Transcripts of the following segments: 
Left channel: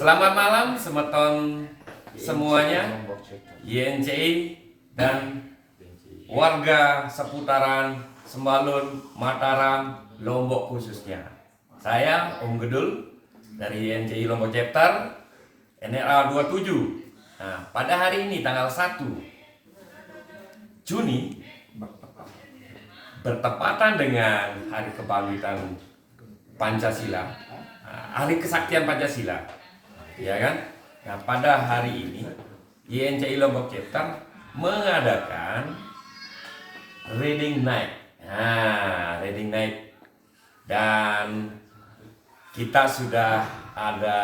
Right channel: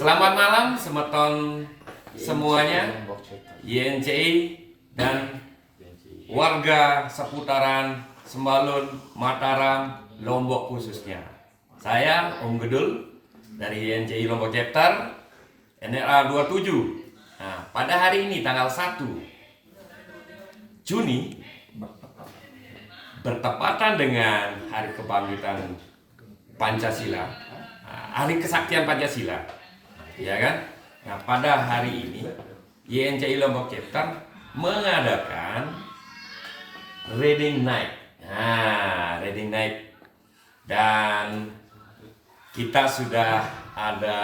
Selamat malam semeton semuanya, YNCI dan warga seputaran Sembalun, Mataram, Lombok khususnya. Saya Om Gedul dari YNCI Lombok Chapter NRA 27. Nah, pada hari ini tanggal 1 Juni bertepatan dengan Hari Kebangkitan Pancasila, Hari Kesaktian Pancasila, ya kan? Nah, pada hari ini YNCI Lombok Chapter mengadakan Reading Night. Nah, Reading Night, dan kita sudah ada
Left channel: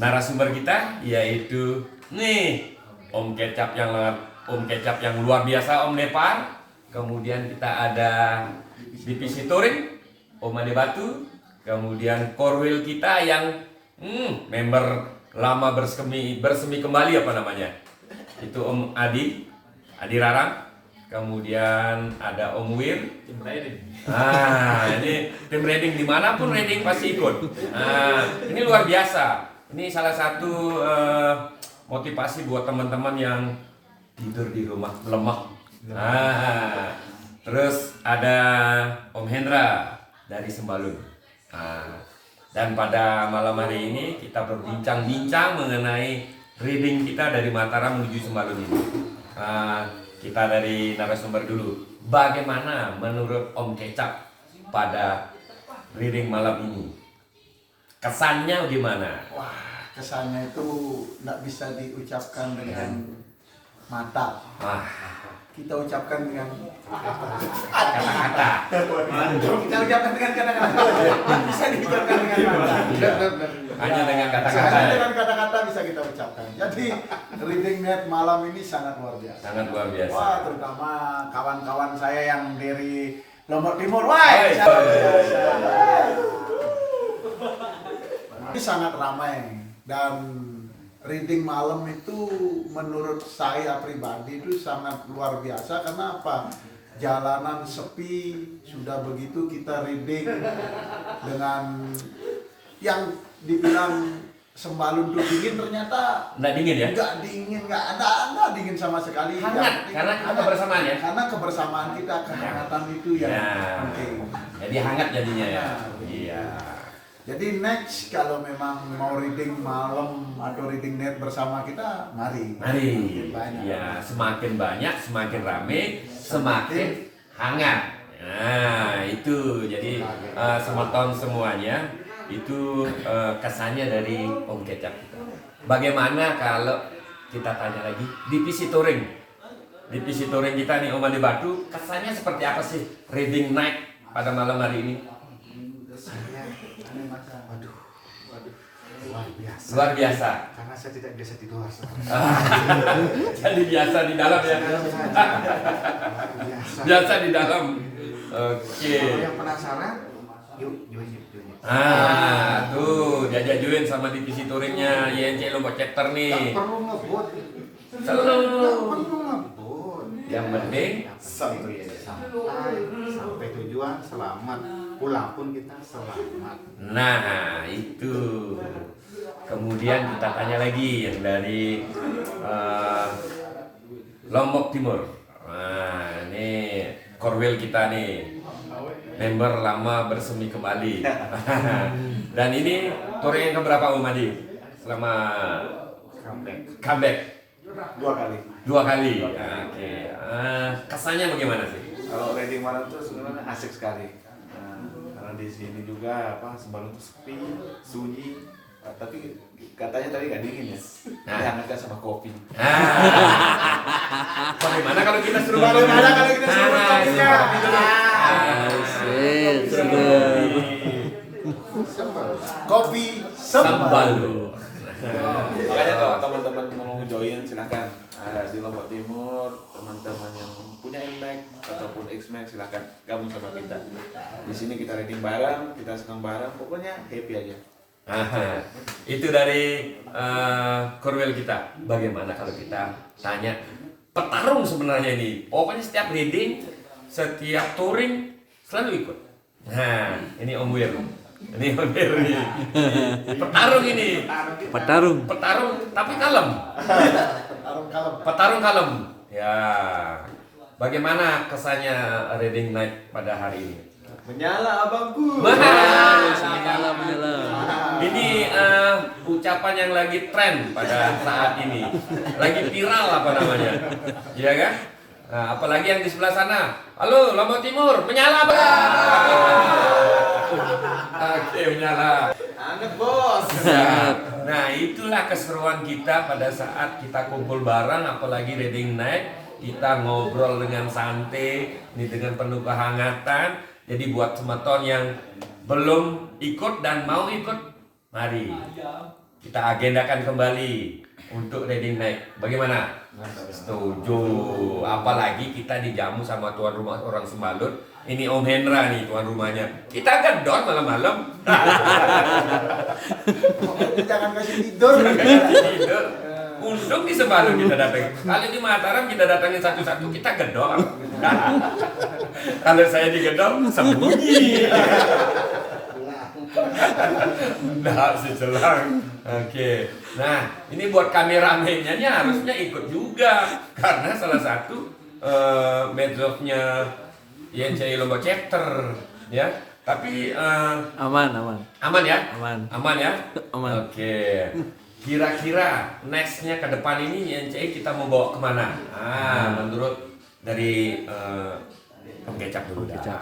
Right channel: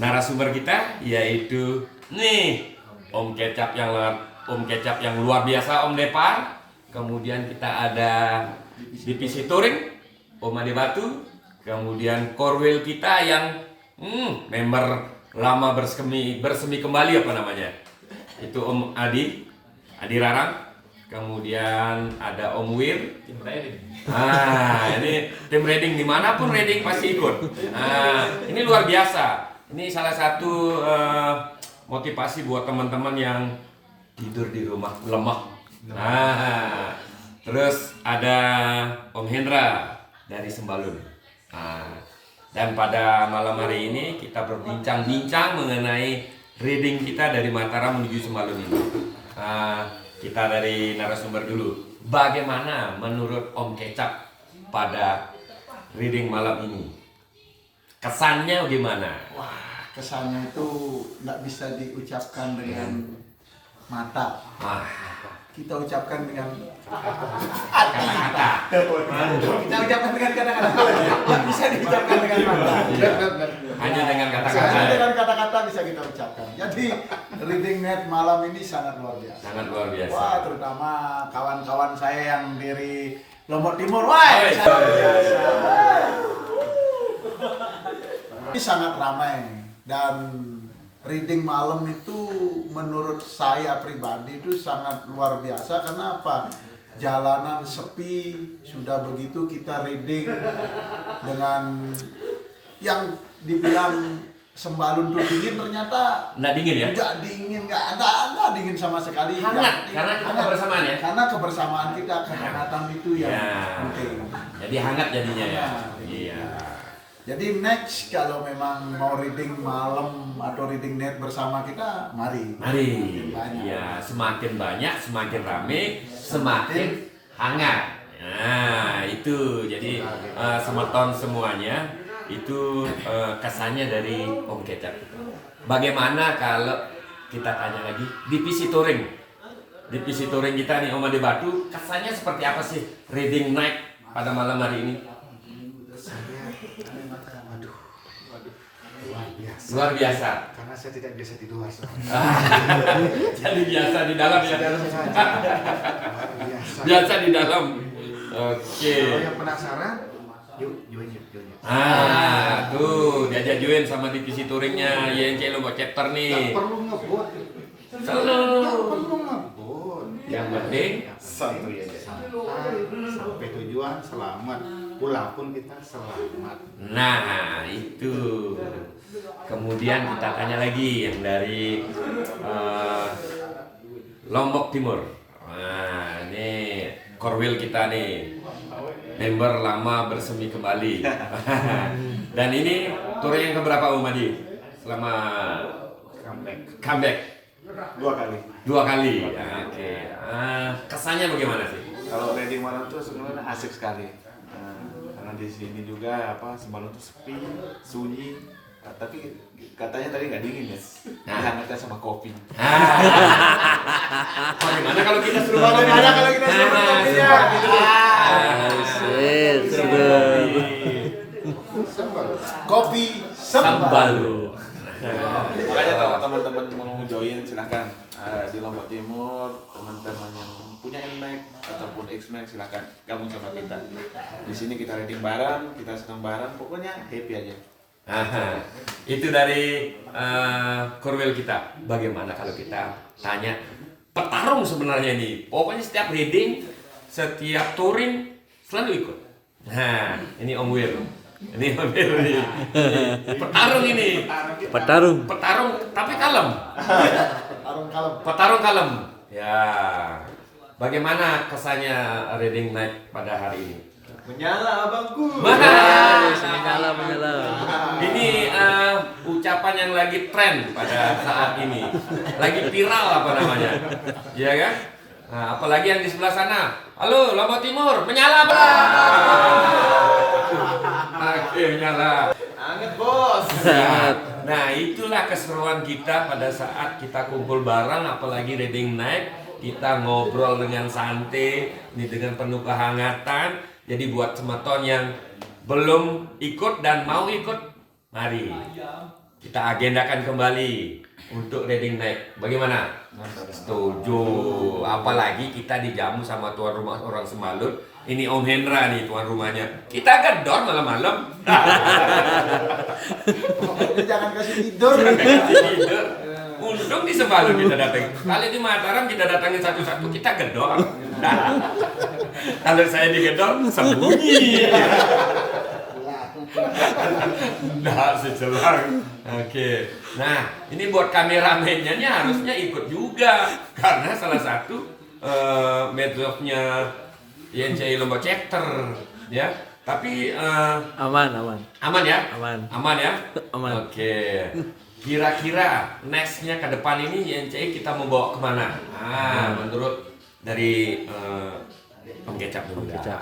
narasumber kita, yaitu nih Om Kecap yang luar biasa, Om Depar. Kemudian kita ada divisi touring Om Ade Batu. Kemudian korwil kita yang member lama bersemi kembali, apa namanya? Itu Om Adi Rarang. Kemudian ada Om Wir. Tim riding. Ini tim riding, dimanapun riding pasti ikut. Ini luar biasa. Ini salah satu motivasi buat teman-teman yang tidur di rumah lemah. Terus ada Om Hendra dari Sembalun. Dan pada malam hari ini kita berbincang-bincang mengenai reading kita dari Mataram menuju Sembalun ini. Kita dari narasumber dulu. Bagaimana menurut Om Kecap pada reading malam ini? Kesannya gimana? Wah, kesannya itu nggak bisa diucapkan dengan mata. Kita ucapkan dengan Kata-kata. Kita ucapkan dengan kata-kata. Nggak bisa diucapkan dengan mata. Hanya dengan Hanya kata-kata. dengan kata-kata bisa kita ucapkan. Jadi reading net malam ini sangat luar biasa. Sangat luar biasa. Wah, terutama kawan-kawan saya yang dari Lombok Timur. Wah, Oi. sangat biasa. Ini sangat ramai, dan reading malam itu menurut saya pribadi itu sangat luar biasa. Karena apa? Jalanan sepi, sudah begitu kita reading dengan yang dibilang Sembalun tuh dingin, ternyata Nggak dingin ya? nggak dingin, nggak dingin sama sekali. Hangat, karena kita hangat. kebersamaan ya? Karena kebersamaan kita, kehangatan itu yang Ya. penting. Jadi hangat jadinya ya. Nah, Iya. Jadi next kalau memang mau reading malam atau reading net bersama kita, mari. Mari. Makin banyak. Ya, semakin banyak, semakin rame, semakin hangat. Nah, itu jadi semeton semuanya itu kesannya dari Om Kecap. Bagaimana kalau kita tanya lagi divisi touring? Divisi touring kita nih Om Ade Batu, kesannya seperti apa sih reading night pada malam hari ini? Luar biasa. Luar biasa. Karena saya tidak biasa di luar. Jadi biasa di dalam ya. Luar biasa. Biasa di dalam. Oke. Kalau yang penasaran, yuk. Tuh diajak join sama divisi touringnya YNCI Lombok Chapter Gak nih. perlu ngebut. Selalu. Gak perlu ngebut. Yang penting santai aja. Sampai tujuan selamat. Pulang pun kita selamat. nah itu. Kemudian kita tanya lagi yang dari Lombok Timur. Nah, ini korwil kita nih, member lama bersemi kembali. Dan ini touring yang keberapa Om Adi? Selama comeback? Dua kali. Oke. Kesannya bagaimana sih? Kalau reading malam tuh sebenarnya asik sekali. Karena di sini juga Sembalun tuh sepi, sunyi. Tapi katanya tadi nggak dingin ya. Dihangatkan sama kopi. Bagaimana kalau kita suruh Bagaimana kalau kita suruh kopinya? Kopi Sembalun. Makanya kalau teman-teman mau join silahkan. Di Lombok Timur, teman-teman yang punya NMAX ataupun XMAX silahkan gabung sama kita. Di sini kita reading bareng, kita senang bareng, pokoknya happy aja. Itu dari korwil kita. Bagaimana kalau kita tanya petarung sebenarnya ini? Pokoknya setiap reading, setiap touring selalu ikut. Nah, ini Om Wir. Ini hampir nih. Petarung ini. Petarung tapi kalem. Arung kalem. Petarung kalem. Ya. Bagaimana kesannya Reading Night pada hari ini? Menyala abangku. Menyala. Ini ucapan yang lagi tren pada saat ini, lagi viral apa namanya, ya kan? Nah, apalagi yang di sebelah sana. Halo, Lombok Timur, menyala bang. Oke, menyala. Anget bos. Nah, itulah keseruan kita pada saat kita kumpul bareng, apalagi Reading Night. Kita ngobrol dengan santai, ini dengan penuh kehangatan. Jadi buat semeton yang belum ikut dan mau ikut, mari kita agendakan kembali untuk Reading Night. Bagaimana? Setuju. Apalagi kita dijamu sama tuan rumah orang Sembalut. Ini Om Hendra nih tuan rumahnya. Kita gedor malam-malam. Jangan kasih tidur. Tidur. Untung di Sembalut kita datang. Kali di Mataram kita datangin satu-satu, kita gedor. Kalau saya digedor, sembunyi. Nggak sejelang. Oke. Nah, ini buat kameramennya harusnya ikut juga. Karena salah satu medsosnya YNCI Lombok Chapter. Ya. Tapi Aman ya? Aman ya? Aman. Oke. Kira-kira nextnya ke depan ini YNCI kita mau bawa kemana? Menurut dari Om Kecap dulu dah.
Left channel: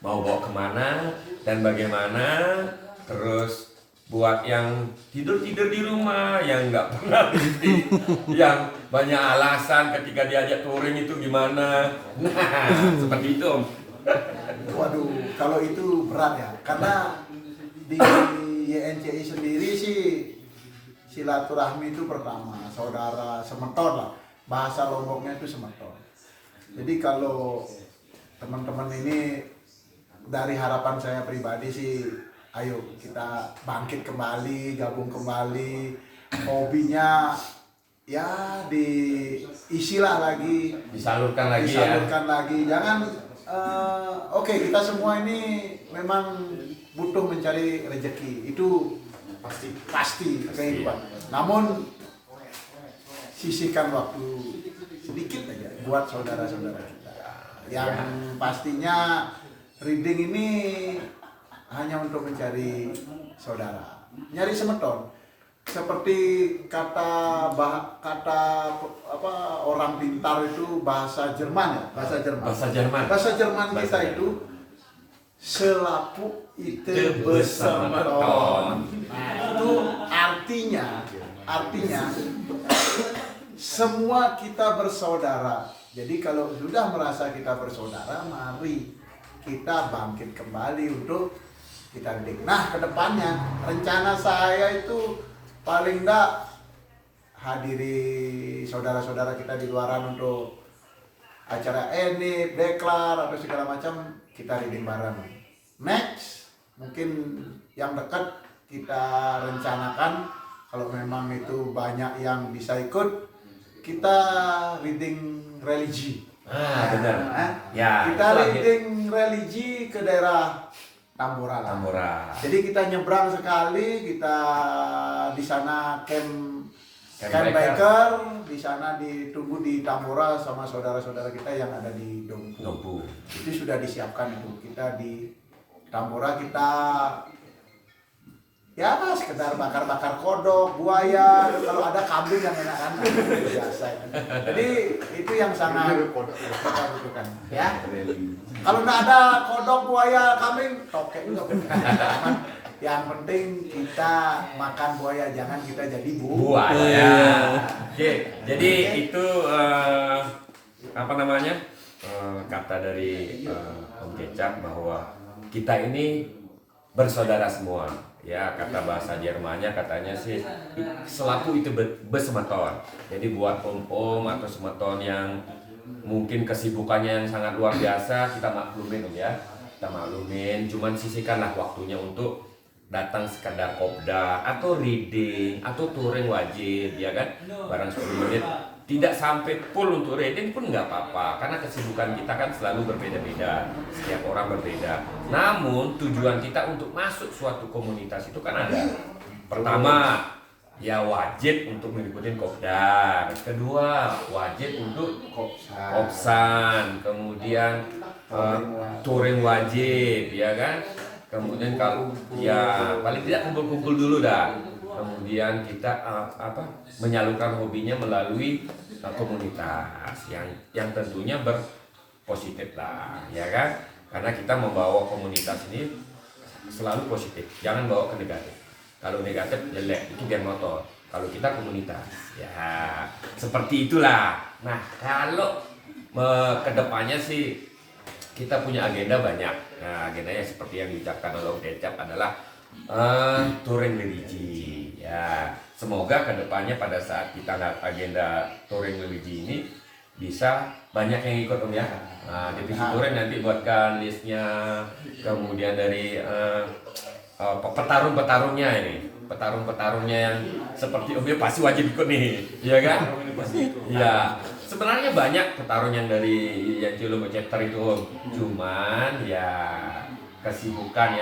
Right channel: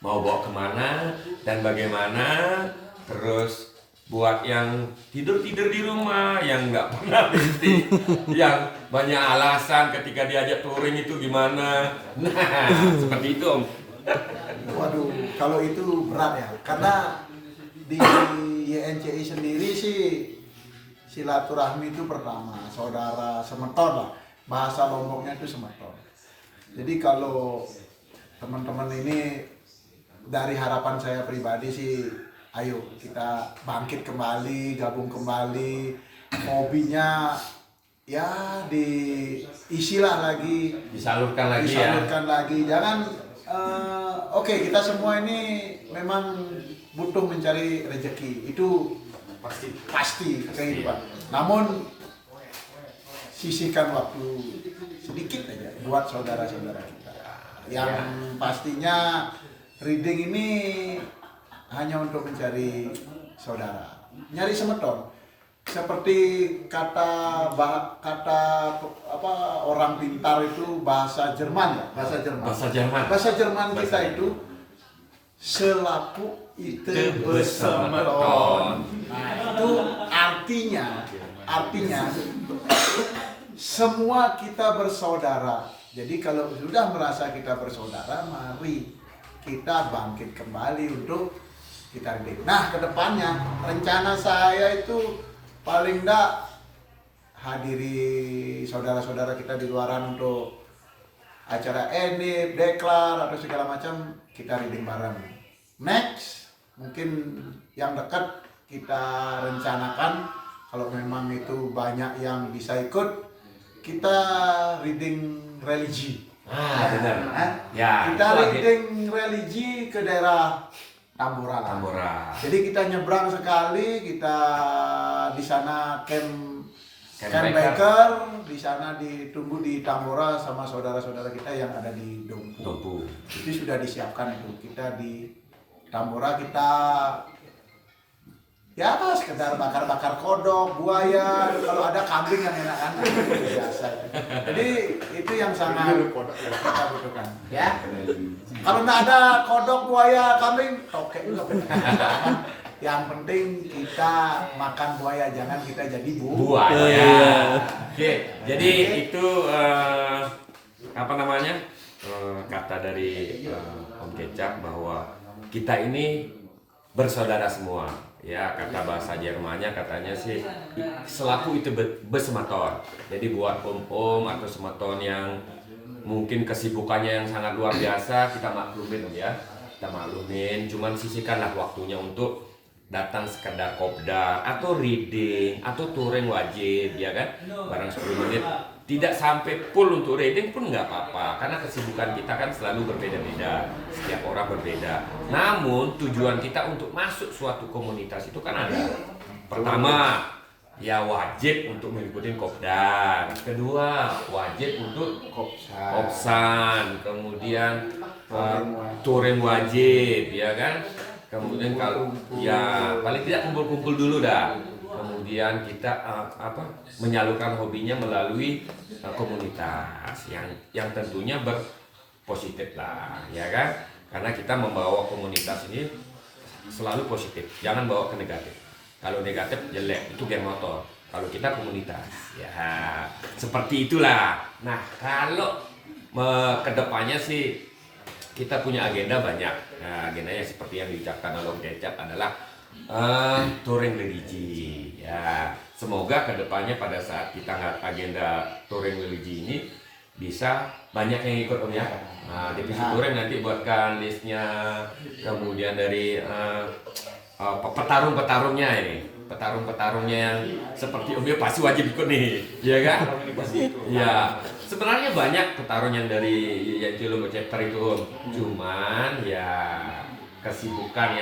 Mau bawa kemana dan bagaimana? Terus buat yang tidur-tidur di rumah, yang nggak pernah mimpi, yang banyak alasan ketika diajak touring itu gimana? Nah, seperti itu Om. Waduh, kalau itu berat ya. Karena di YNCI sendiri sih silaturahmi itu pertama, saudara semeton lah. Bahasa Lomboknya itu semeton. Jadi kalau teman-teman ini dari harapan saya pribadi sih, ayo kita bangkit kembali, gabung kembali, hobinya ya diisilah lagi, Disalurkan lagi. Jangan oke, kita semua ini memang butuh mencari rezeki, itu pasti kehidupan. Namun sisihkan waktu sedikit aja buat saudara-saudara kita. Yang pastinya reading ini hanya untuk mencari saudara, nyari semeton. Seperti kata orang pintar itu bahasa Jerman ya, bahasa Jerman kita itu selapu itu besemeton. Nah, itu artinya semua kita bersaudara. Jadi kalau sudah merasa kita bersaudara, mari kita bangkit kembali untuk kita reading. Nah, kedepannya rencana saya itu paling enggak hadiri saudara-saudara kita di luaran untuk acara enip, deklar atau segala macam, kita reading bareng. Next, mungkin yang dekat kita rencanakan kalau memang itu banyak yang bisa ikut, kita reading religi. Benar. Ya. Kita reading religi ke daerah Tambora. Jadi kita nyebrang sekali, kita di sana camp biker, di sana ditunggu di Tambora sama saudara-saudara kita yang ada di Dompu. Itu sudah disiapkan itu. Kita di Tambora kita ya sekedar bakar-bakar kodok, buaya, kalau ada kambing yang enak kan, biasa. Jadi itu yang sangat kita butuhkan, ya. Kalau nggak ada kodok, buaya, kambing, tokek juga. Yang penting kita makan buaya, jangan kita jadi buaya. Oke, jadi itu apa namanya kata dari Om Kecap bahwa kita ini bersaudara semua. Ya, kata bahasa Jermannya katanya sih selaku itu besemeton. Jadi buat om-om atau semeton yang mungkin kesibukannya yang sangat luar biasa, kita maklumin Om ya. Kita maklumin, cuman sisihkanlah waktunya untuk datang sekedar kopdar atau reading atau touring wajib ya kan. Barang 10 menit tidak sampai full untuk reading pun nggak apa-apa, karena kesibukan kita kan selalu berbeda-beda, setiap orang berbeda. Namun tujuan kita untuk masuk suatu komunitas itu kan ada. Pertama, ya wajib untuk mengikuti kopdar. Kedua, wajib untuk kopsan. Kemudian touring wajib, ya kan. Kemudian kalau ya paling tidak kumpul-kumpul dulu dah. Kemudian kita menyalurkan hobinya melalui komunitas yang tentunya berpositif lah, ya kan? Karena kita membawa komunitas ini selalu positif, jangan bawa ke negatif. Kalau negatif jelek, itu geng motor. Kalau kita komunitas, ya seperti itulah. Nah, kalau kedepannya sih kita punya agenda banyak. Nah, agendanya seperti yang diucapkan oleh Om Kecap adalah touring religi. Ya, semoga kedepannya pada saat kita ngeliat agenda touring religi ini bisa banyak yang ikut Om ya. Nah, divisi touring nanti buatkan listnya, kemudian dari petarung-petarungnya ini, petarung-petarungnya yang seperti Om ya pasti wajib ikut nih, ya kan? Ya, sebenarnya banyak petarung yang dari Cilombo chapter itu Om. Cuman ya kesibukan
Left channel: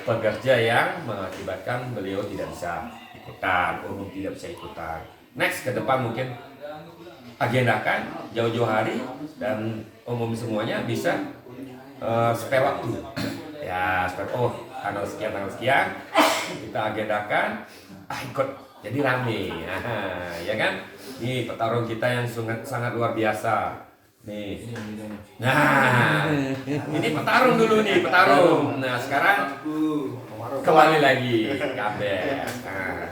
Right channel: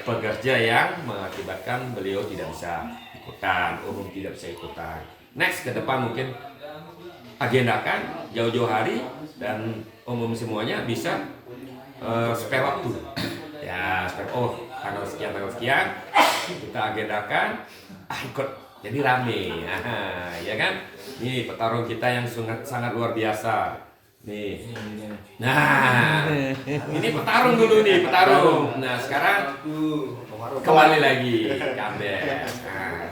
pekerja yang mengakibatkan beliau tidak bisa ikutan, umum tidak bisa ikutan. Next ke depan mungkin agendakan jauh-jauh hari dan umum semuanya bisa spare waktu. Ya, tanggal sekian kita agendakan ikut. Jadi rame. Ya kan? Nih petarung kita yang sangat luar biasa. Nih. Nah, ini petarung dulu nih, petarung. Nah, sekarang kembali lagi comeback. Nah,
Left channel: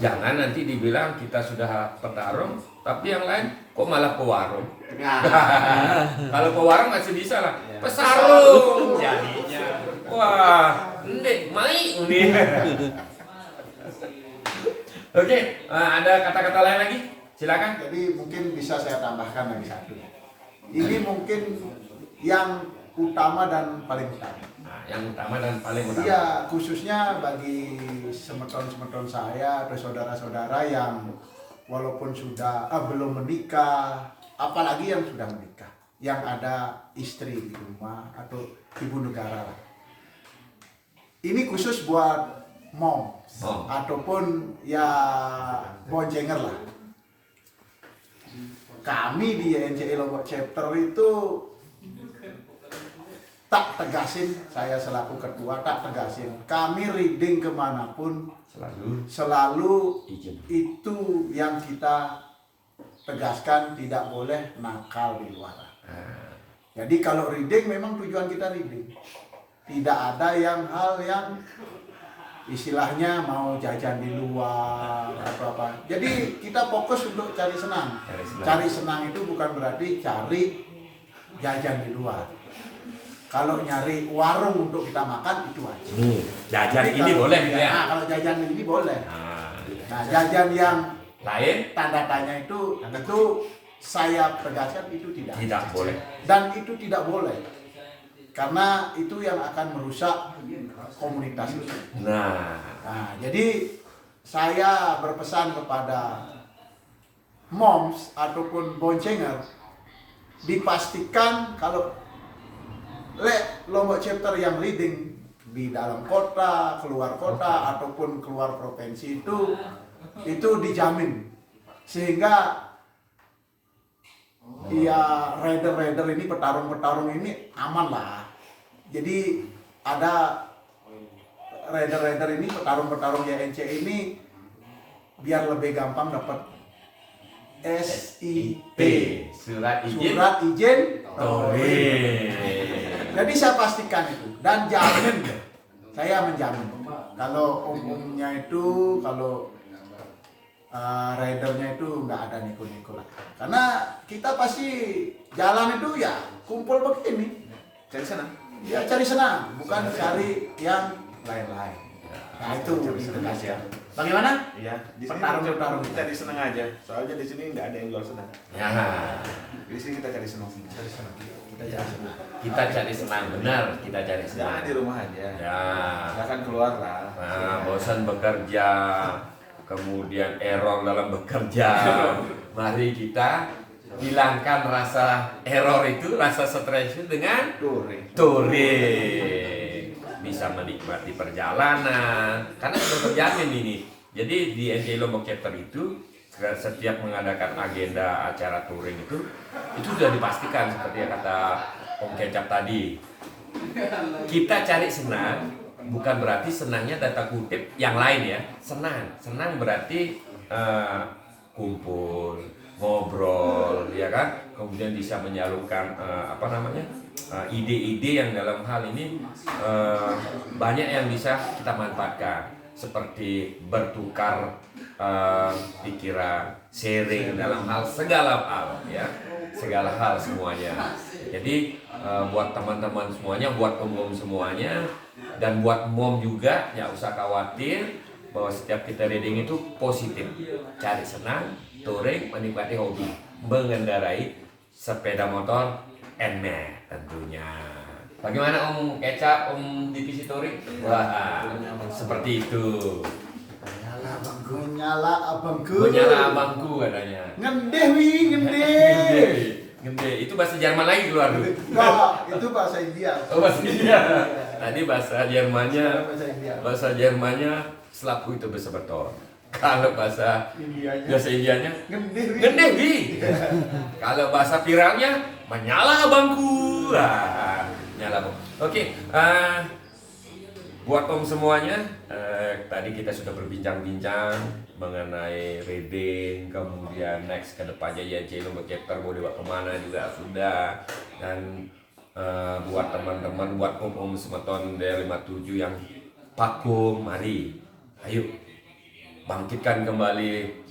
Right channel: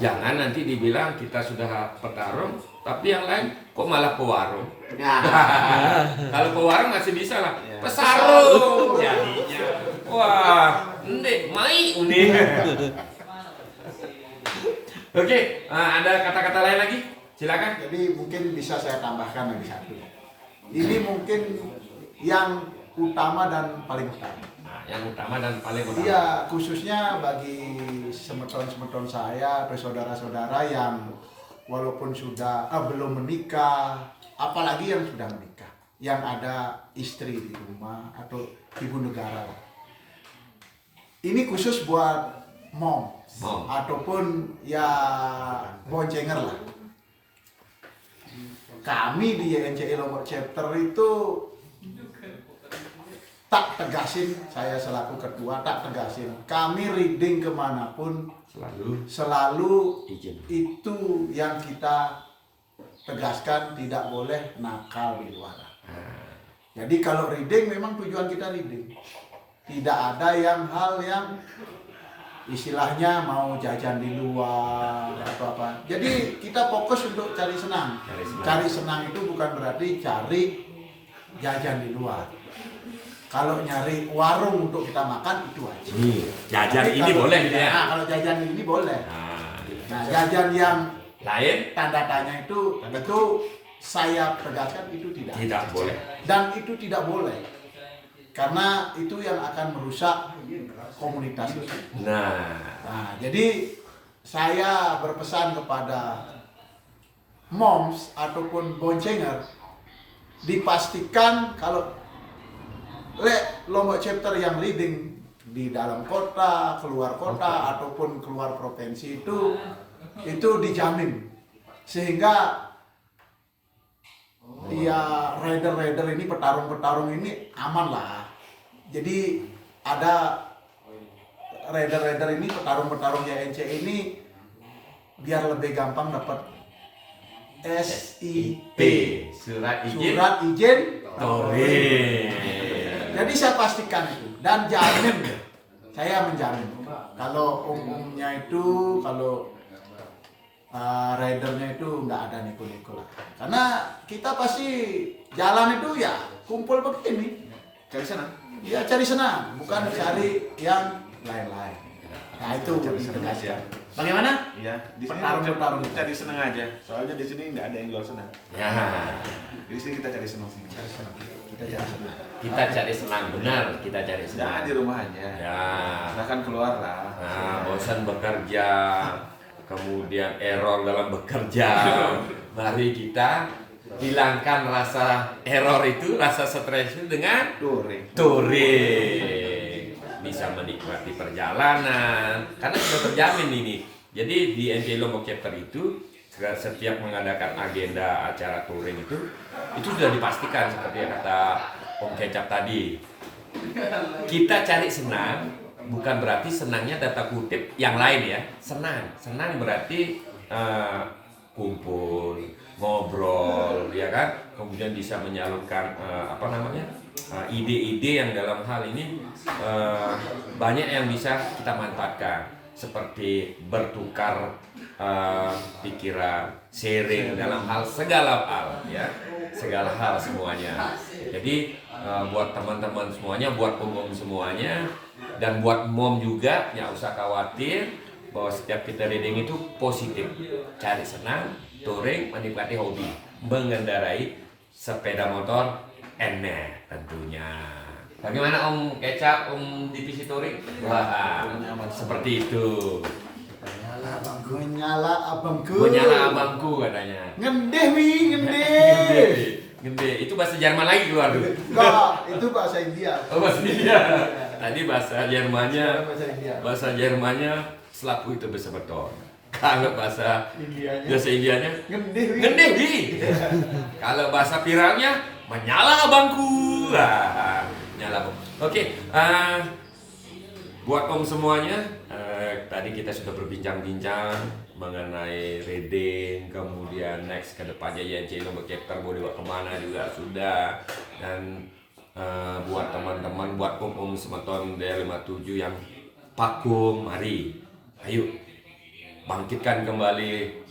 jangan nanti dibilang kita sudah petarung, tapi yang lain kok malah pewarung. Kalau pewarung masih bisa lah. Pesarung jadinya. Wah, ndek mai nih. Oke, ada kata-kata lain lagi? Silakan. Jadi mungkin bisa saya tambahkan lagi satu. Ini mungkin yang utama dan paling utama. Nah, yang utama dan paling utama. Iya, khususnya bagi semeton-semeton saya atau saudara-saudara yang walaupun sudah belum menikah, apalagi yang sudah menikah, yang ada istri di rumah atau ibu negara lah. Ini khusus buat mom ataupun ya boncenger lah. Kami di YNCI Lombok Chapter itu tak tegasin, saya selaku ketua tak tegasin. Kami reading kemanapun selalu izin. Itu yang kita tegaskan, tidak boleh nakal di luar. Jadi kalau reading memang tujuan kita reading. Tidak ada hal yang istilahnya mau jajan di luar atau apa. Jadi kita fokus untuk cari senang. Cari senang itu bukan berarti cari jajan di luar. Kalau nyari warung untuk kita makan itu aja. Nih, jajan ini boleh ya. Nah, kalau jajan ini boleh. Nah, jajan yang lain tanda tanya itu saya tegaskan itu tidak boleh. Dan itu tidak boleh. Karena itu yang akan merusak komunitas itu. Nah, jadi saya berpesan kepada moms ataupun boncenger, dipastikan kalau Lombok Chapter yang reading di dalam kota, keluar kota ataupun keluar provinsi itu dijamin, sehingga ya rider ini, petarung ini aman lah. Jadi ada rider ini, petarung YNC ini biar lebih gampang dapat SIP, surat izin touring. Jadi saya pastikan itu dan jamin, saya menjamin kalau umumnya itu, kalau ridernya itu nggak ada niku-niku lah. Karena kita pasti jalan itu ya kumpul begini, Cari senang. ya cari senang, bukan cari yang lain-lain. Nah itu ditegaskan. Bagaimana? Iya, di sini Petarung-petarung kita cari senang aja. Soalnya di sini nggak ada yang jual senang. Ya, Di sini kita cari senang. kita cari senang, benar, kita cari senang. Jangan di rumah aja. Ya, Silahkan keluar lah. nah, bosan bekerja, kemudian error dalam bekerja. Mari kita hilangkan rasa error itu, rasa stres itu dengan touring. Bisa menikmati perjalanan karena sudah terjamin ini. Jadi di NCI Lombok Chapter itu setiap mengadakan agenda acara touring itu sudah dipastikan seperti yang kata Om Kecap tadi. Kita cari senang, bukan berarti senangnya data kutip yang lain ya. Senang berarti kumpul, ngobrol, ya kan. Kemudian bisa menyalurkan ide-ide yang dalam hal ini banyak yang bisa kita manfaatkan, seperti bertukar pikiran, sharing dalam hal segala hal ya, segala hal semuanya. Jadi buat teman-teman semuanya, buat om-om semuanya, dan buat mom juga, ya usah khawatir bahwa setiap kita reading itu positif. Cari senang, touring, menikmati hobi, mengendarai sepeda motor NMAX tentunya. Bagaimana Om Kecap, Om divisi touring? Wah, seperti itu. Menyala abangku. Menyala abangku katanya. Ngendeh wi, ngendeh. Gede. Itu bahasa Jerman lagi keluar dulu. Enggak, itu bahasa India. Oh, bahasa India. Tadi bahasa Jermannya. Bahasa India. Bahasa Jermannya selaku itu bahasa beton. Kalau bahasa Indianya Ngendeh wi. gede wi. Kalau bahasa viralnya menyala abangku. Nyala abang. Oke, buat om semuanya, tadi kita sudah berbincang-bincang mengenai reading, kemudian next ke depannya YNCI Lombok Chapter mau dibawa kemana juga sudah. Dan buat teman-teman, buat om-om semeton D57 yang vakum, mari, ayo bangkitkan kembali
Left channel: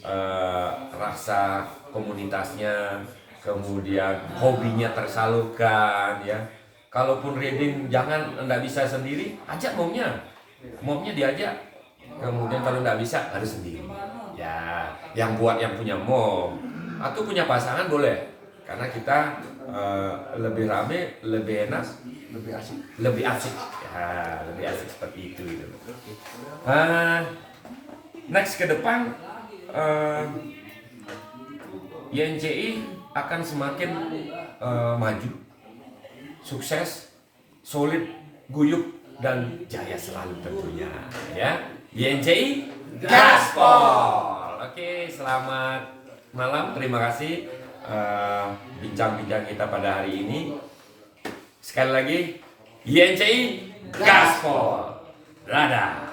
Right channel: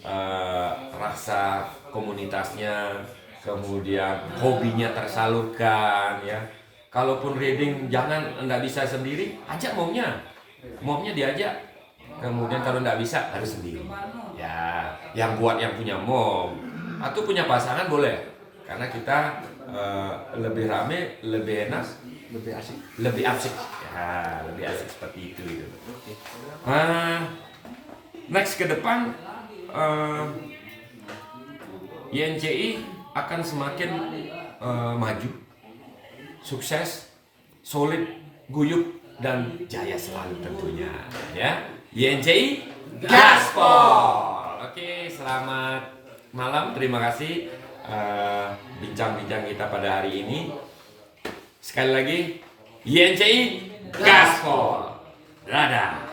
rasa komunitasnya, kemudian hobinya tersalurkan ya. Kalaupun reading jangan nggak bisa sendiri, ajak momnya diajak. Kemudian kalau nggak bisa harus sendiri. Ya, yang buat yang punya mom atau punya pasangan boleh, karena kita lebih rame, lebih enak, lebih asik. Ya, lebih asik seperti itu gitu. Next ke depan YNCI akan semakin maju, sukses, solid, guyup, dan jaya selalu tentunya ya. YNCI Gaspol. Oke, selamat malam, terima kasih bincang-bincang kita pada hari ini. Sekali lagi YNCI Gaspol. Dadah.